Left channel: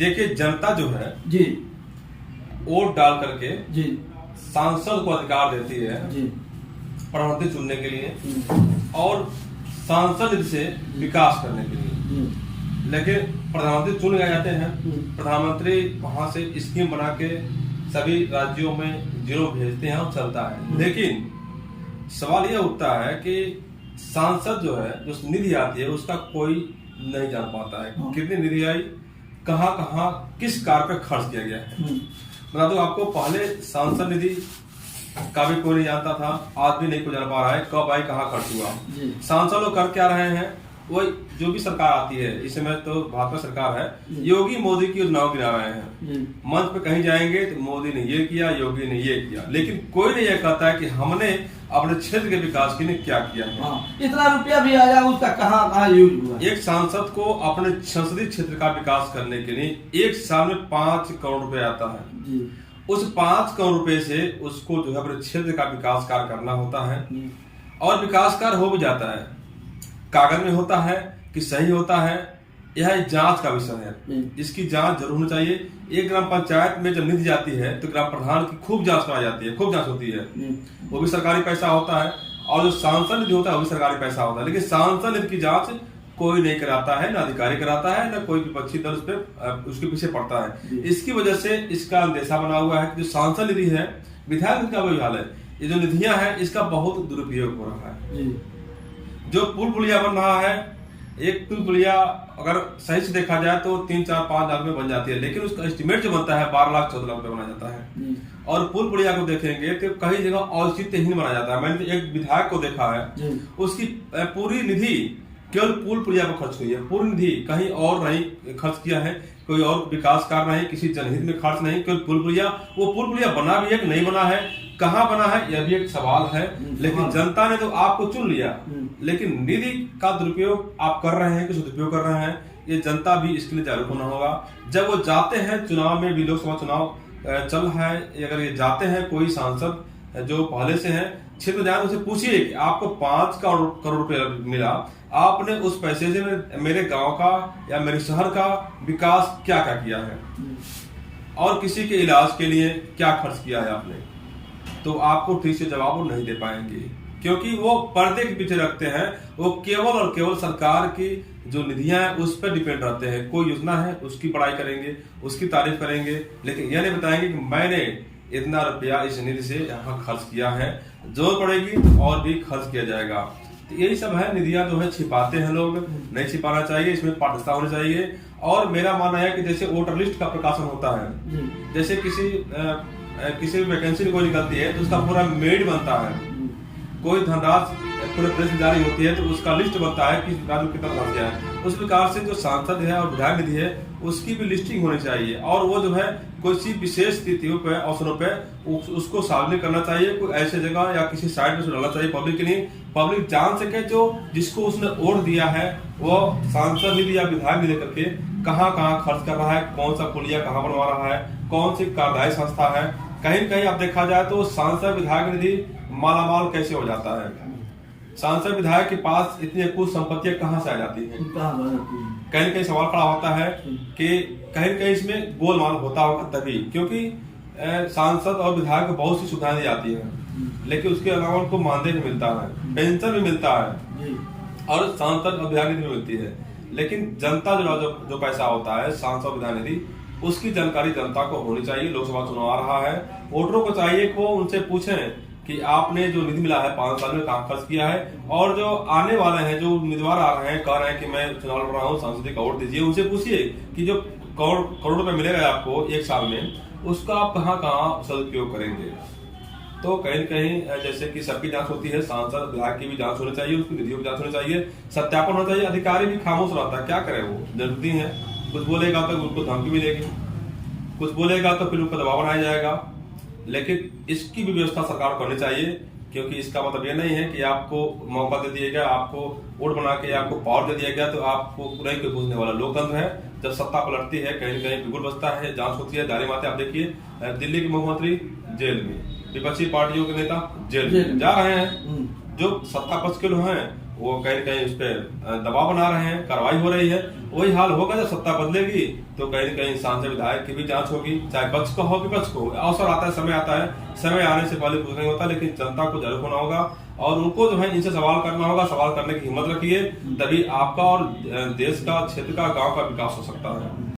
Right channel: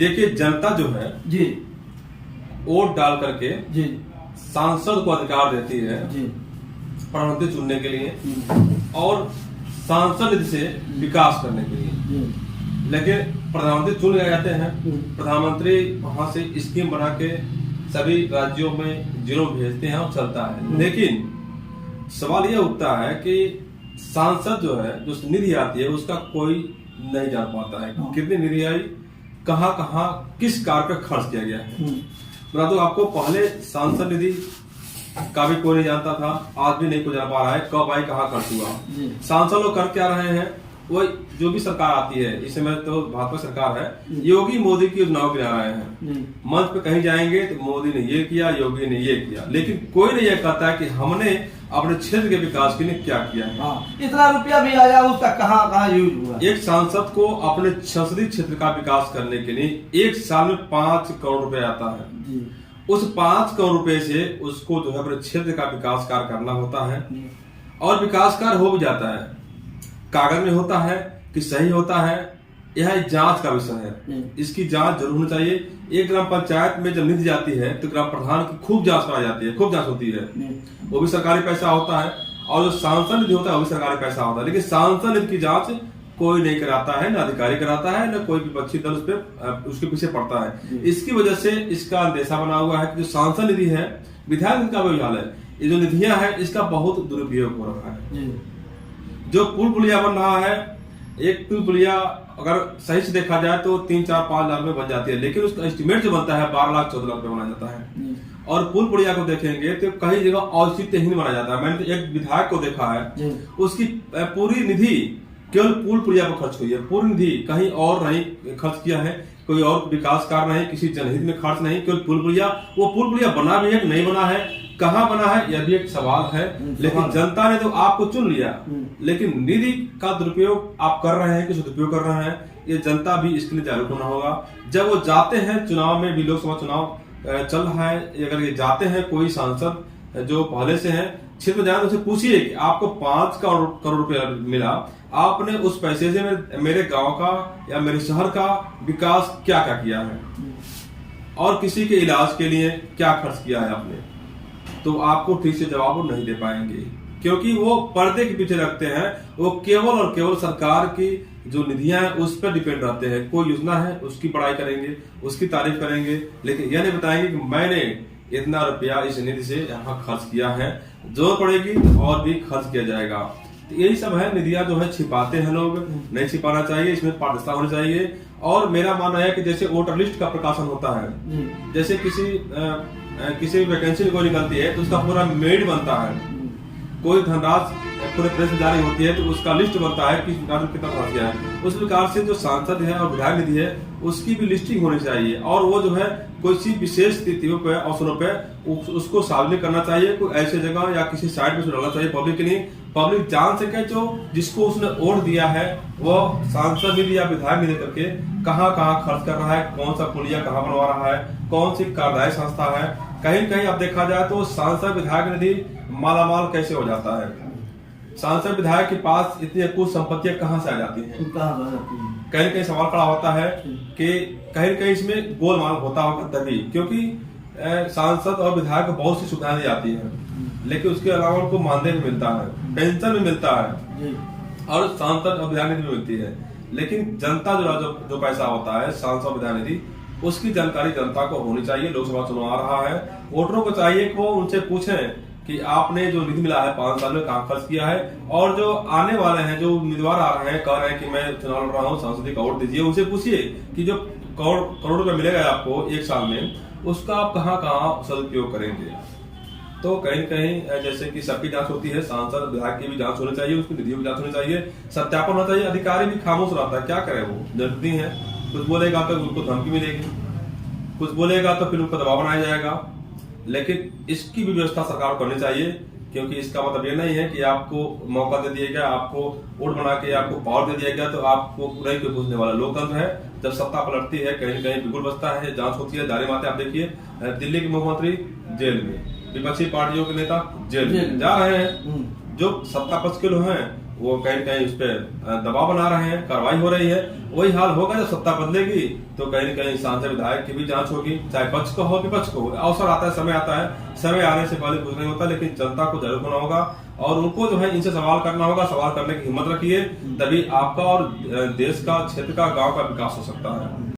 देखिए, जनता जो है जी वोट डाल करके जी सांसद को अधिकार देती है जी प्रधानमंत्री चुनने के लिए और सांसद निधि से विकास करने के लिए। लेकिन प्रधानमंत्री चुन गए जाते हैं, प्रधानमंत्री वहां से स्कीम बना के सभी राज्यों में जीरो भेजते हैं और चलता है। लेकिन सवाल यह उठता है कि सांसद जो है, जो निधि आती है, उसका कोई नहीं जान पाता है कितनी निधि आई, कहाँ कहाँ किस कार्य पर खर्च किया गया है। बता दो आपको, पहले सांसद निधि का भी कोई नहीं जानता था, आज भी नहीं कोई जान पा रहा है कब आई कहाँ खर्च हुआ। सांसद लोग कर क्या रहे हैं, वो जो भी सरकार आती है, इस समय तो भाजपा सरकार है, योगी मोदी की योजनाओं गिरा रहे हैं। मंच पे कहीं जाएंगे तो मोदी ने ये किया, योगी ने ये किया, लेकिन कोई नहीं ये कहता है कि हमने अपने क्षेत्र के विकास के लिए क्या किया। इतना रुपया भी आया, उसका कहाँ यूज हुआ। एक सांसद को अपने संसदीय क्षेत्र का विकास करने के लिए एक साल में 5 करोड़ रुपए आता है। उस 5 करोड़ रुपए से उसको जो है अपने क्षेत्र का विकास कार्य करना होता है और विकास कार्य हो भी जाता है, कागज में होता है कि सही होता है, यह जांच का विषय है। इसकी जांच जरूर होनी चाहिए। एक ग्राम पंचायत में जब निधि जाती है तो ग्राम प्रधान की खूब जांच कराई जाती है, खूब जांच होती है, वो भी सरकारी पैसा होता है, और जो सांसद निधि होता है वो भी सरकारी पैसा होता है। लेकिन सांसद निधि की जांच कोई नहीं कराता है, ना अधिकारी कराता है, ना कोई विपक्षी दल उस पर उसके पीछे पड़ता है। इसकी वजह से इसका अंदेशा बना हुआ है कि जो सांसद निधि है, विधायक निधि का वही हाल है, ये जो निधियां है इसका बहुत दुरुपयोग हो रहा है। जो पुल पुलिया बन रहा है, एक पुल पुलिया अगर सही से देखा जाए तो 3, 4, 5 लाख में बन जाती है, लेकिन उसका एस्टिमेट जो बनता है 12 लाख 14 लाख रुपए बना जाता है। और पुल पुलिया को देखेंगे तो कई जगह औचित्यहीन बना जाता है। मैंने एक विधायक को देखा है, उसकी पूरी निधि केवल पुल पुलिया पर खर्च हुई है, पूरी निधि कहीं और नहीं खर्च किया है, कोई और विकास कार्य नहीं, किसी जनहित में खर्च नहीं, केवल पुल पुलिया। वो पुल पुलिया बना भी है कि नहीं बना है, कहाँ बना है, यह भी एक सवाल है। लेकिन जनता ने तो आपको चुन लिया, लेकिन निधि का दुरुपयोग आप कर रहे हैं कि सदुपयोग कर रहे हैं, ये जनता भी इसके लिए जागरूक होना होगा। जब वो जाते हैं चुनाव में भी, लोकसभा चुनाव चल रहा है, अगर ये जाते हैं कोई सांसद जो पहले से है क्षेत्र जाए, उनसे पूछिए कि आपको 5 करोड़ रुपया मिला, आपने उस पैसे से मेरे गांव का या मेरे शहर का विकास क्या क्या किया है, और किसी के इलाज के लिए क्या खर्च किया है आपने, तो आपको ठीक से जवाब वो नहीं दे पाएंगे, क्योंकि वो पर्दे के पीछे रखते हैं। वो केवल और केवल सरकार की जो निधियां हैं उस पर डिपेंड रहते हैं। कोई योजना है उसकी बड़ाई करेंगे, उसकी तारीफ करेंगे, लेकिन यह नहीं बताएंगे कि मैंने इतना रुपया इस निधि से यहाँ खर्च किया है, जरूरत पड़ेगी तो और भी खर्च किया जाएगा। तो यही सब है, निधियां जो है छिपाते हैं लोग, नहीं छिपाना चाहिए, इसमें पारदर्शिता होनी चाहिए। और मेरा मानना है कि जैसे वोटर लिस्ट का प्रकाशन होता है, जैसे किसी वैकेंसी कोई निकलती है तो उसका पूरा मेरिट बनता है, कोई धनराशि पूरे प्रेस में जारी होती है तो उसका लिस्ट बनता है कि राज्य में कितना खर्च गया है। उस प्रकार से जो सांसद है और विधायक निधि है उसकी भी लिस्टिंग होनी चाहिए, और वो जो है कोई विशेष स्थितियों पे, अवसरों पे उसको सार्वजनिक करना चाहिए, कोई ऐसे जगह या किसी साइट पे डालना चाहिए पब्लिक के लिए, पब्लिक जान सके जो जिसको उसने वोट दिया है वो सांसद निधि या विधायक निधि करके कहाँ कहाँ खर्च कर रहा है, कौन सा पुलिया कहाँ बनवा रहा है, कौन सी कार्यदायी संस्था है। कहीं कहीं आप देखा जाए तो सांसद विधायक निधि मालामाल कैसे हो जाता है, सांसद विधायक के पास इतनी कुछ संपत्तियां कहाँ से आ जाती हैं। कहीं कहीं सवाल खड़ा होता है कि कहीं कहीं इसमें गोलमाल होता होगा तभी, क्योंकि सांसद और विधायक को बहुत सी सुविधाएं दी जाती हैं, लेकिन उसके अलावा उनको मानदेय भी मिलता है, पेंशन भी मिलता है, और सांसद और विधायक निधि भी मिलती है। लेकिन जनता जो पैसा होता है सांसद विधायक निधि, उसकी जानकारी जनता को होनी चाहिए। लोकसभा चुनाव आ रहा है, वोटरों को चाहिए कि वो उनसे पूछें कि आपने जो निधि मिला है 5 साल में कहाँ खर्च किया है, और जो आने वाले हैं, जो उम्मीदवार आ रहे हैं, कह रहे हैं कि मैं चुनाव लड़ रहा हूँ, सांसद का वोट दीजिए, उनसे पूछिए कि जो करोड़ रुपए मिलेगा आपको एक साल में, उसका आप कहाँ कहाँ सदुपयोग करेंगे। तो कहीं कहीं जैसे कि सबकी जांच होती है, सांसद विधायक की भी जांच होनी चाहिए, उसकी निधियों की जांच होनी चाहिए, सत्यापन होना चाहिए। अधिकारी भी खामोश रहता है, क्या करे, वो जनप्रतिनिधि है, कुछ बोलेगा तो उनको धमकी मिलेगी, कुछ बोलेगा तो फिर उनको दबाव बनाया जाएगा। लेकिन इसकी भी व्यवस्था सरकार को करनी चाहिए, क्योंकि इसका मतलब ये नहीं है कि आपको मौका दे दिया गया, आपको वोट बना के आपको पावर दे दिया गया तो आपको नहीं कोई पूछने वाला। लोकतंत्र है, जब सत्ता पलटती है कहीं कहीं बिगुल बचता है, जांच होती है, दारी मारते। आप देखिए दिल्ली के मुख्यमंत्री जेल में, विपक्षी पार्टियों के नेता जेल में जा रहे हैं, जो सत्ता पक्ष के लोग हैं वो कहीं न कहीं उस पर दबाव बना रहे हैं, कार्रवाई हो रही है। वही हाल होगा जब सत्ता बदलेगी तो कहीं न कहीं सांसद विधायक की भी जांच होगी, चाहे पक्ष का हो विपक्ष को हो। अवसर आता है, समय आता है, समय आने से पहले कुछ नहीं होता, लेकिन जनता को जरूर होना होगा और उनको जो है इनसे सवाल करना होगा। सवाल करने की हिम्मत रखिए, तभी आपका और देश का, क्षेत्र का, गांव का विकास हो सकता है।